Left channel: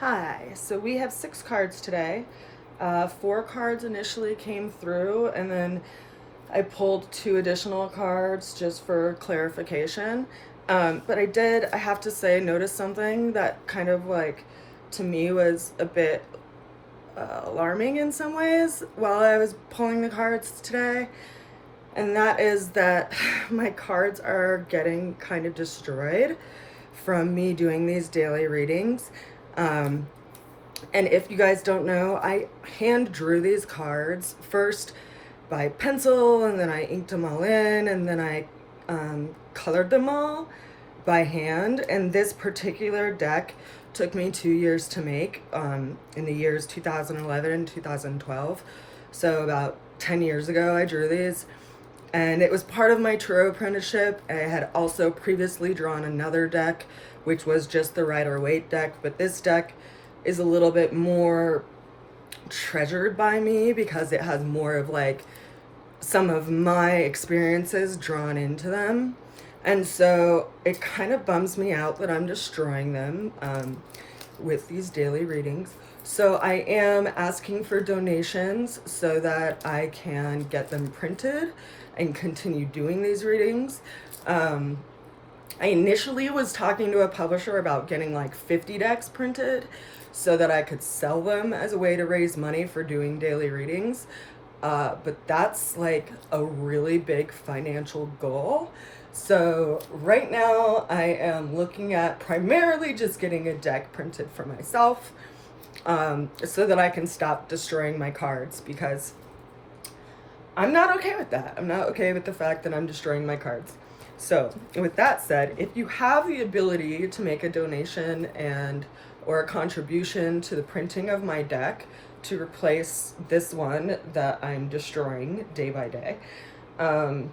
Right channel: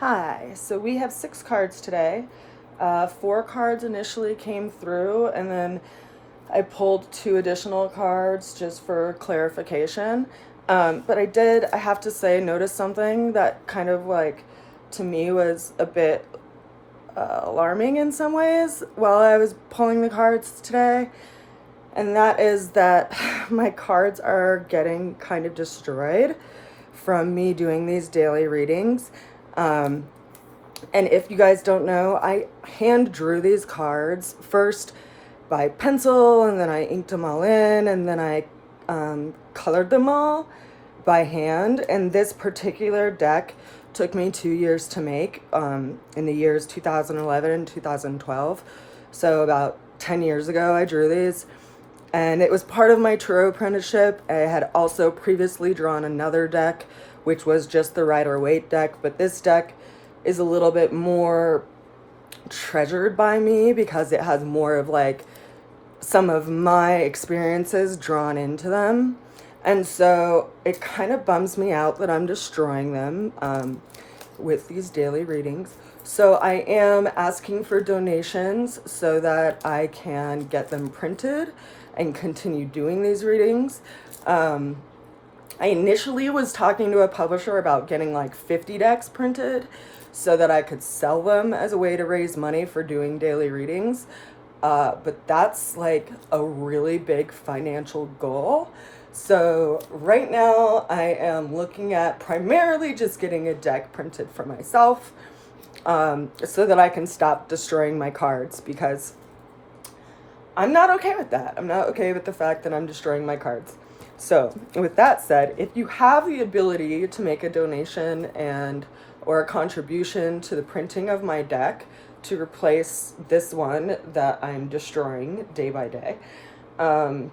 Hi, so we have 6 cards today. 4 cards initially came through, and then I pulled 2 additional cards just for clarification. But I have to say, notice something that kind of like to me was a bit alarming in some ways while I was pulling the cards today. And that is that my cards are getting kind of destroyed from me doing these daily readings. And if you guys don't know, I hand drew these cards first by pencil, and then I inked them all in, and then I colored them all by hand. And this particular deck took me 2 years to make, in the years 2011 and 2012. So about 10 years ago, I drew these. And it was part of my tarot apprenticeship. I had also previously drawn another deck, which was just the Rider-Waite deck. But this deck is a little bit more treasured by me because it has more of like some of my experiences drawn into them. And so it kind of bums me out that I'm destroying them with these daily readings. So I am asking for donations so that I can get them printed and continue doing these readings. I initially was talking to a publisher about getting like 50 decks printed so that I could sell them as a way to raise money for doing daily readings. But that's like a really big financial goal. So right now I am looking at primarily just getting a deck printed for myself, so that I can stop destroying my cards, because I'm not okay with that. I'm not okay with the fact that I'm destroying my cards. So with that said, if you have the ability to make a donation or a contribution to the printing of my deck to replace this one that I'm destroying day by day, I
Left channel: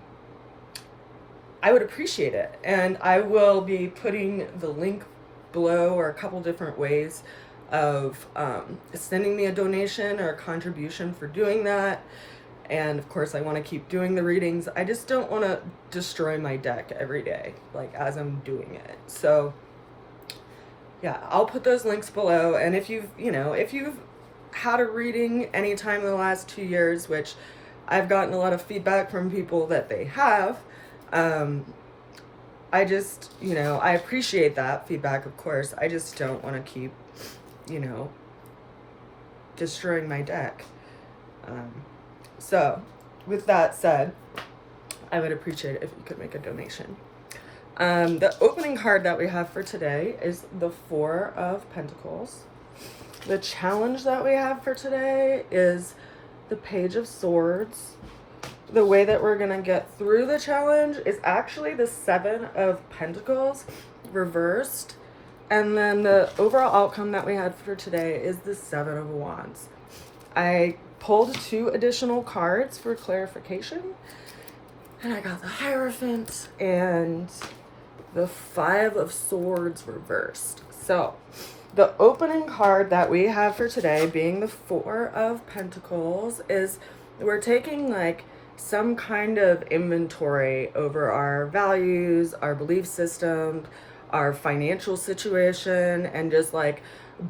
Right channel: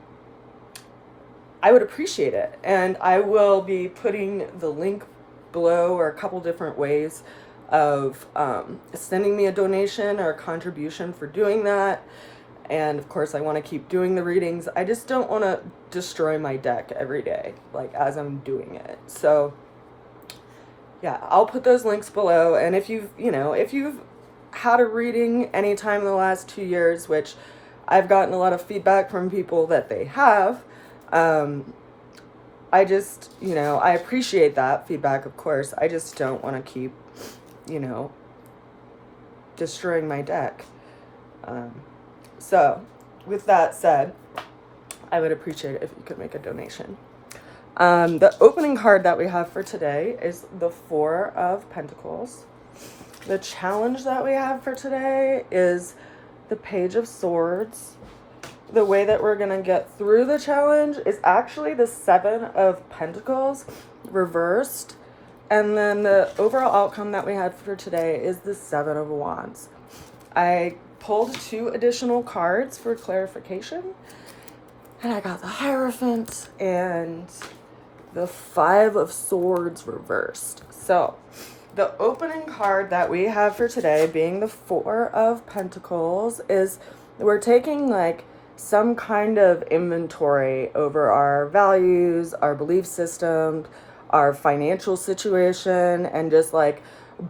would appreciate it. And I will be putting the link below, or a couple different ways of sending me a donation or a contribution for doing that. And of course, I want to keep doing the readings. I just don't want to destroy my deck every day, like as I'm doing it. So yeah, I'll put those links below. And if you've had a reading anytime in the last 2 years, which I've gotten a lot of feedback from people that they have, I just, I appreciate that feedback, of course. I just don't want to keep, destroying my deck. So with that said, I would appreciate it if you could make a donation. The opening card that we have for today is the Four of Pentacles. The challenge that we have for today is the Page of Swords. The way that we're going to get through the challenge is actually the Seven of Pentacles reversed. And then the overall outcome that we had for today is the Seven of Wands. I pulled 2 additional cards for clarification. And I got the Hierophant and the Five of Swords reversed. So the opening card that we have for today, being the Four of Pentacles, is we're taking like some kind of inventory over our values, our belief system, our financial situation, and just like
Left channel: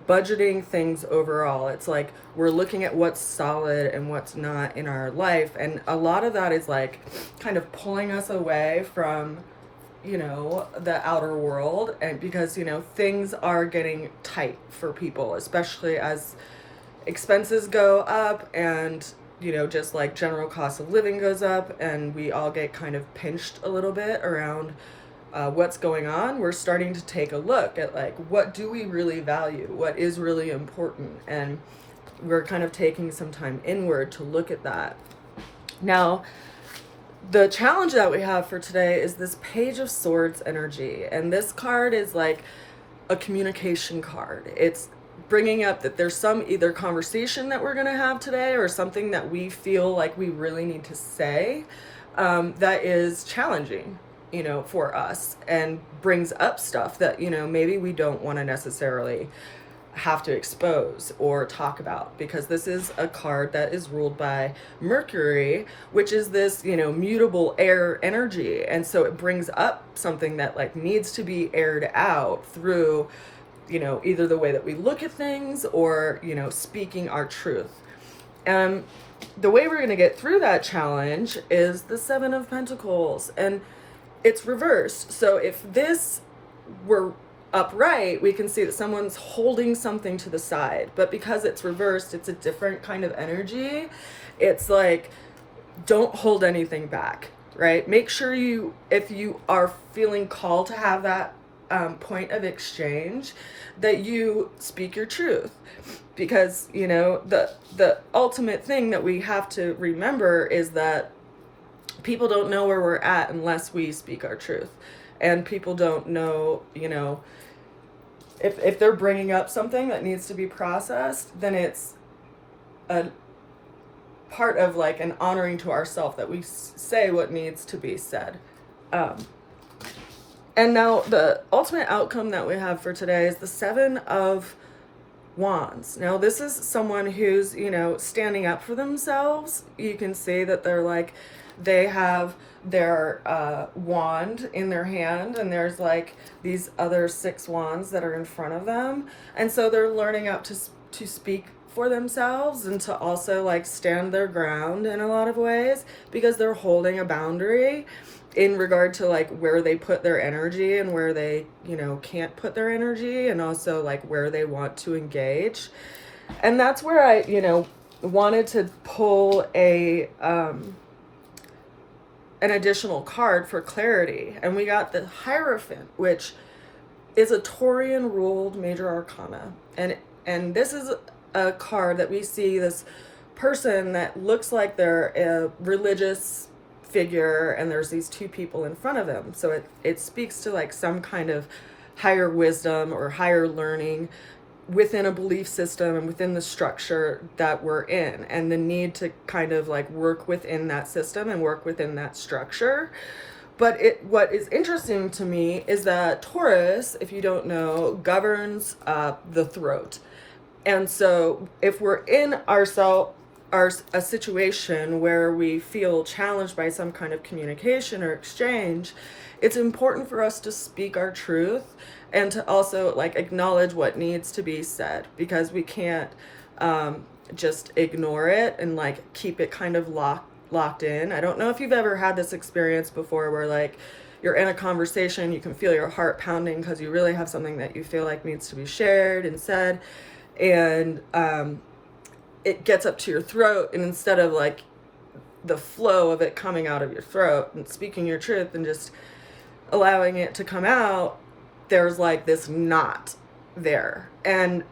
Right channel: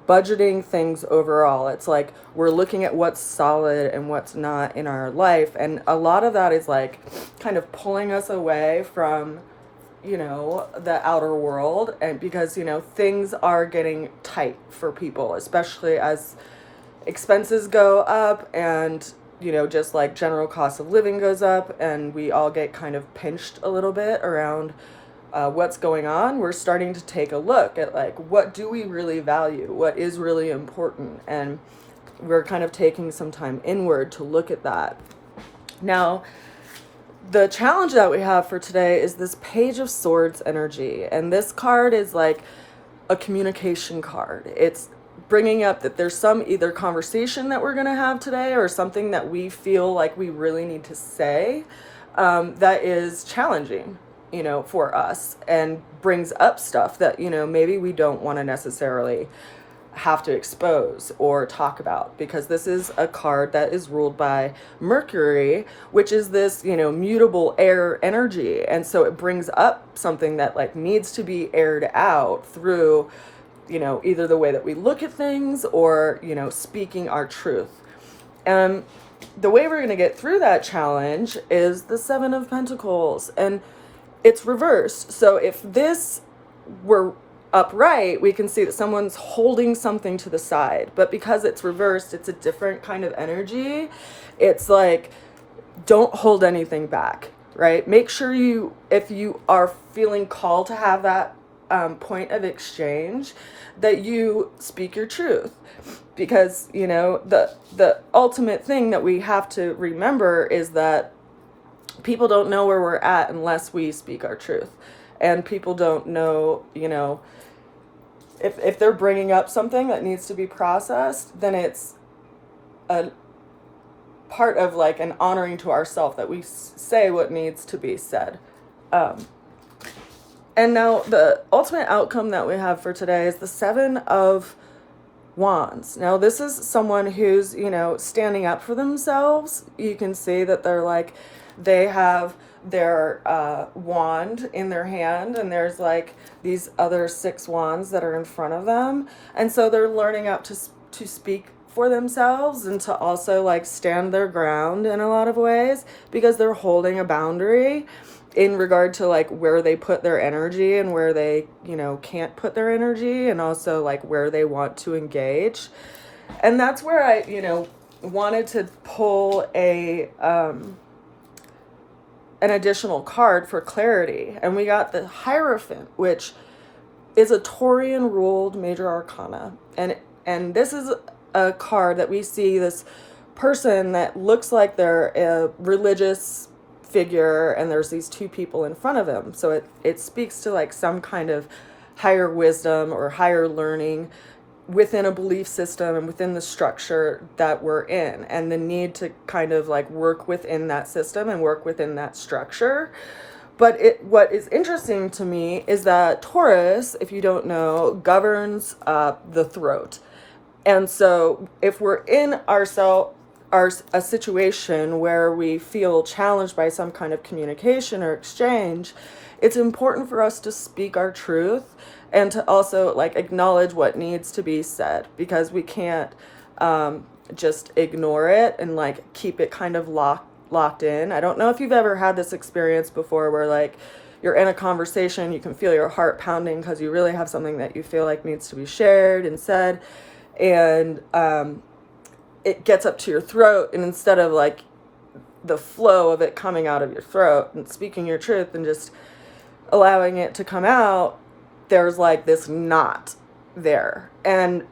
budgeting things overall. It's like we're looking at what's solid and what's not in our life, and a lot of that is like kind of pulling us away from the outer world, and because things are getting tight for people, especially as expenses go up, and just like general cost of living goes up, and we all get kind of pinched a little bit around what's going on. We're starting to take a look at like, what do we really value? What is really important? And we're kind of taking some time inward to look at that. Now, the challenge that we have for today is this Page of Swords energy. And this card is like a communication card. It's bringing up that there's some either conversation that we're going to have today, or something that we feel like we really need to say that is challenging, for us, and brings up stuff that, maybe we don't want to necessarily have to expose or talk about, because this is a card that is ruled by Mercury, which is this, mutable air energy. And so it brings up something that like needs to be aired out through, either the way that we look at things or, speaking our truth. And the way we're going to get through that challenge is the Seven of Pentacles, and it's reversed. So if this were upright, we can see that someone's holding something to the side, but because it's reversed, it's a different kind of energy. It's like, don't hold anything back, right? Make sure if you are feeling called to have that point of exchange, that you speak your truth. Because, the ultimate thing that we have to remember is that people don't know where we're at unless we speak our truth. And people don't know, if they're bringing up something that needs to be processed, then it's a part of like an honoring to ourselves that we say what needs to be said. And now the ultimate outcome that we have for today is the Seven of Wands. Now this is someone who's, standing up for themselves. You can see that they have their wand in their hand, and there's like these other 6 wands that are in front of them. And so they're learning up to speak for themselves and to also like stand their ground in a lot of ways, because they're holding a boundary in regard to like where they put their energy and where they, can't put their energy, and also like where they want to engage. And that's where I, wanted to pull an additional card for clarity. And we got the Hierophant, which is a Taurian ruled major arcana. And this is a card that we see this person that looks like they're a religious figure, and there's these 2 people in front of them. So it speaks to like some kind of higher wisdom or higher learning within a belief system and within the structure that we're in, and the need to kind of like work within that system and work within that structure. But what is interesting to me is that Taurus, if you don't know, governs the throat. And so if we're in a situation where we feel challenged by some kind of communication or exchange, it's important for us to speak our truth and to also like acknowledge what needs to be said, because we can't just ignore it and like keep it kind of locked in. I don't know if you've ever had this experience before where like you're in a conversation, you can feel your heart pounding because you really have something that you feel like needs to be shared and said, and it gets up to your throat, and instead of like the flow of it coming out of your throat and speaking your truth and just allowing it to come out, there's like this knot there. And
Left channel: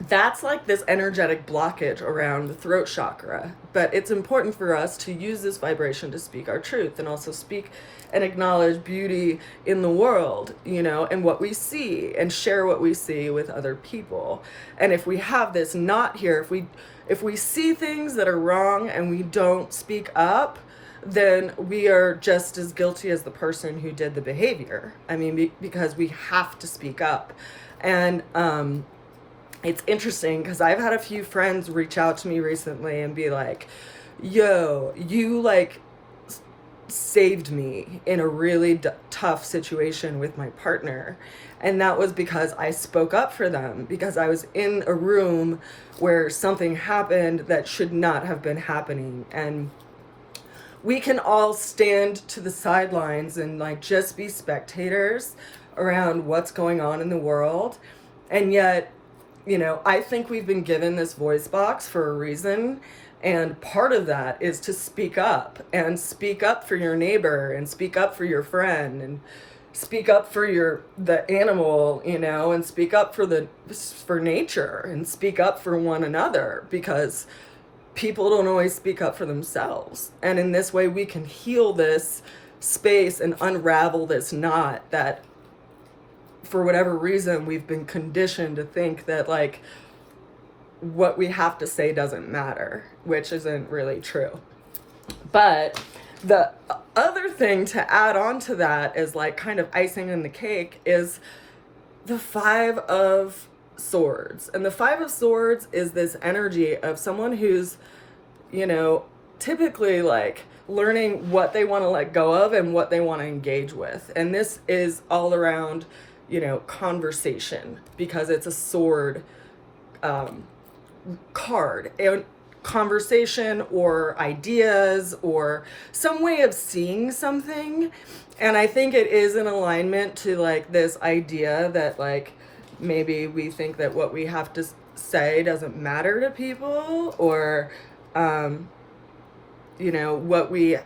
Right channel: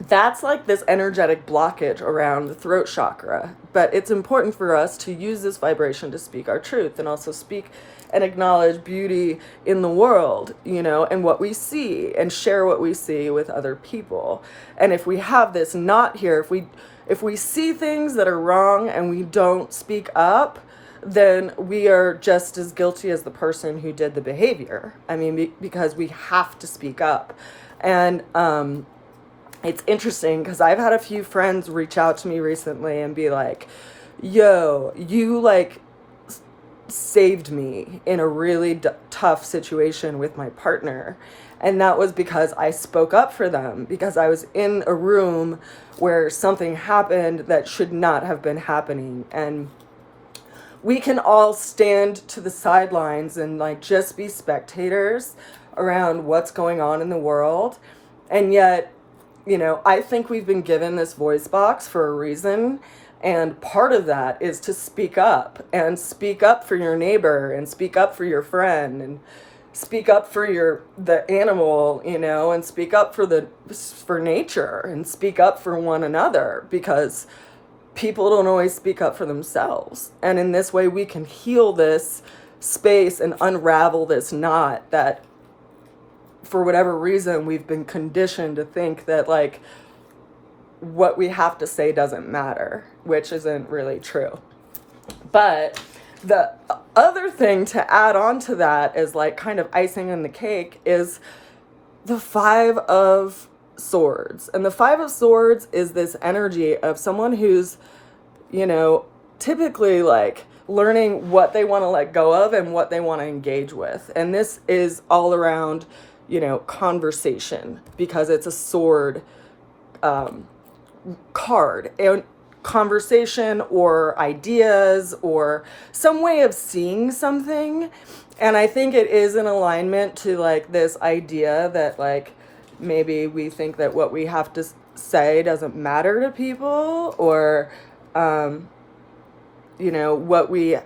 that's like this energetic blockage around the throat chakra. But it's important for us to use this vibration to speak our truth, and also speak and acknowledge beauty in the world, and what we see, and share what we see with other people. And if we have this knot here, if we see things that are wrong and we don't speak up, then we are just as guilty as the person who did the behavior. I mean, because we have to speak up. And it's interesting because I've had a few friends reach out to me recently and be like, yo, you like saved me in a really tough situation with my partner. And that was because I spoke up for them, because I was in a room where something happened that should not have been happening. And we can all stand to the sidelines and like just be spectators around what's going on in the world. And yet, I think we've been given this voice box for a reason. And part of that is to speak up, and speak up for your neighbor, and speak up for your friend, and speak up for the animal, and speak up for nature, and speak up for one another, because people don't always speak up for themselves. And in this way, we can heal this space and unravel this knot that, for whatever reason, we've been conditioned to think that like what we have to say doesn't matter, which isn't really true. But the other thing to add on to that is like kind of icing in the cake is the 5 of Swords. And the 5 of Swords is this energy of someone who's, typically like learning what they want to let go of and what they want to engage with. And this is all around, you know, conversation, because it's a sword card, and conversation or ideas or some way of seeing something. And I think it is in alignment to like this idea that like maybe we think that what we have to say doesn't matter to people, or you know, what we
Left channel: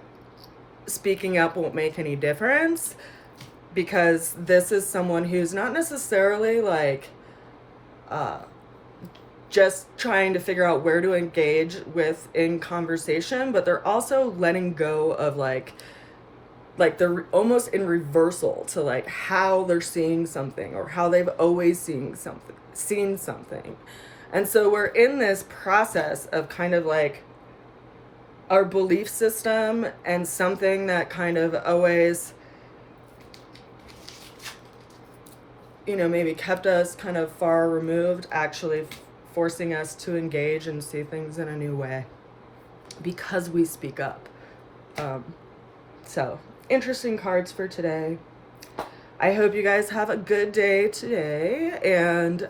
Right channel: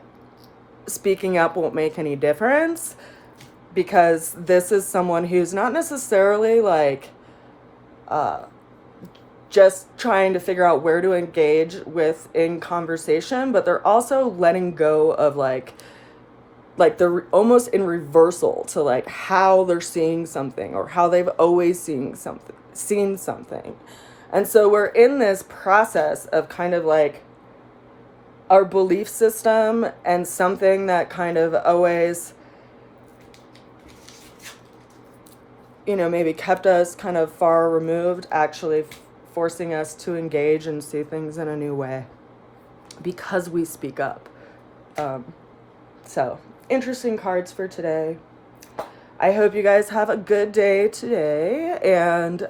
speaking up won't make any difference, because this is someone who's not necessarily like just trying to figure out where to engage with in conversation, but they're also letting go of like they're almost in reversal to like how they're seeing something, or how they've always seen something. And so we're in this process of kind of like our belief system and something that kind of always, you know, maybe kept us kind of far removed, actually forcing us to engage and see things in a new way because we speak up. So interesting cards for today. I hope you guys have a good day today, and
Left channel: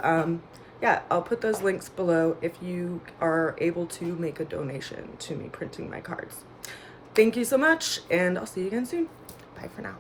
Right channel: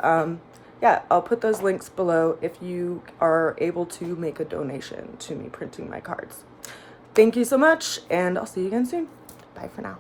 yeah, I'll put those links below if you are able to make a donation to me printing my cards. Thank you so much, and I'll see you again soon. Bye for now.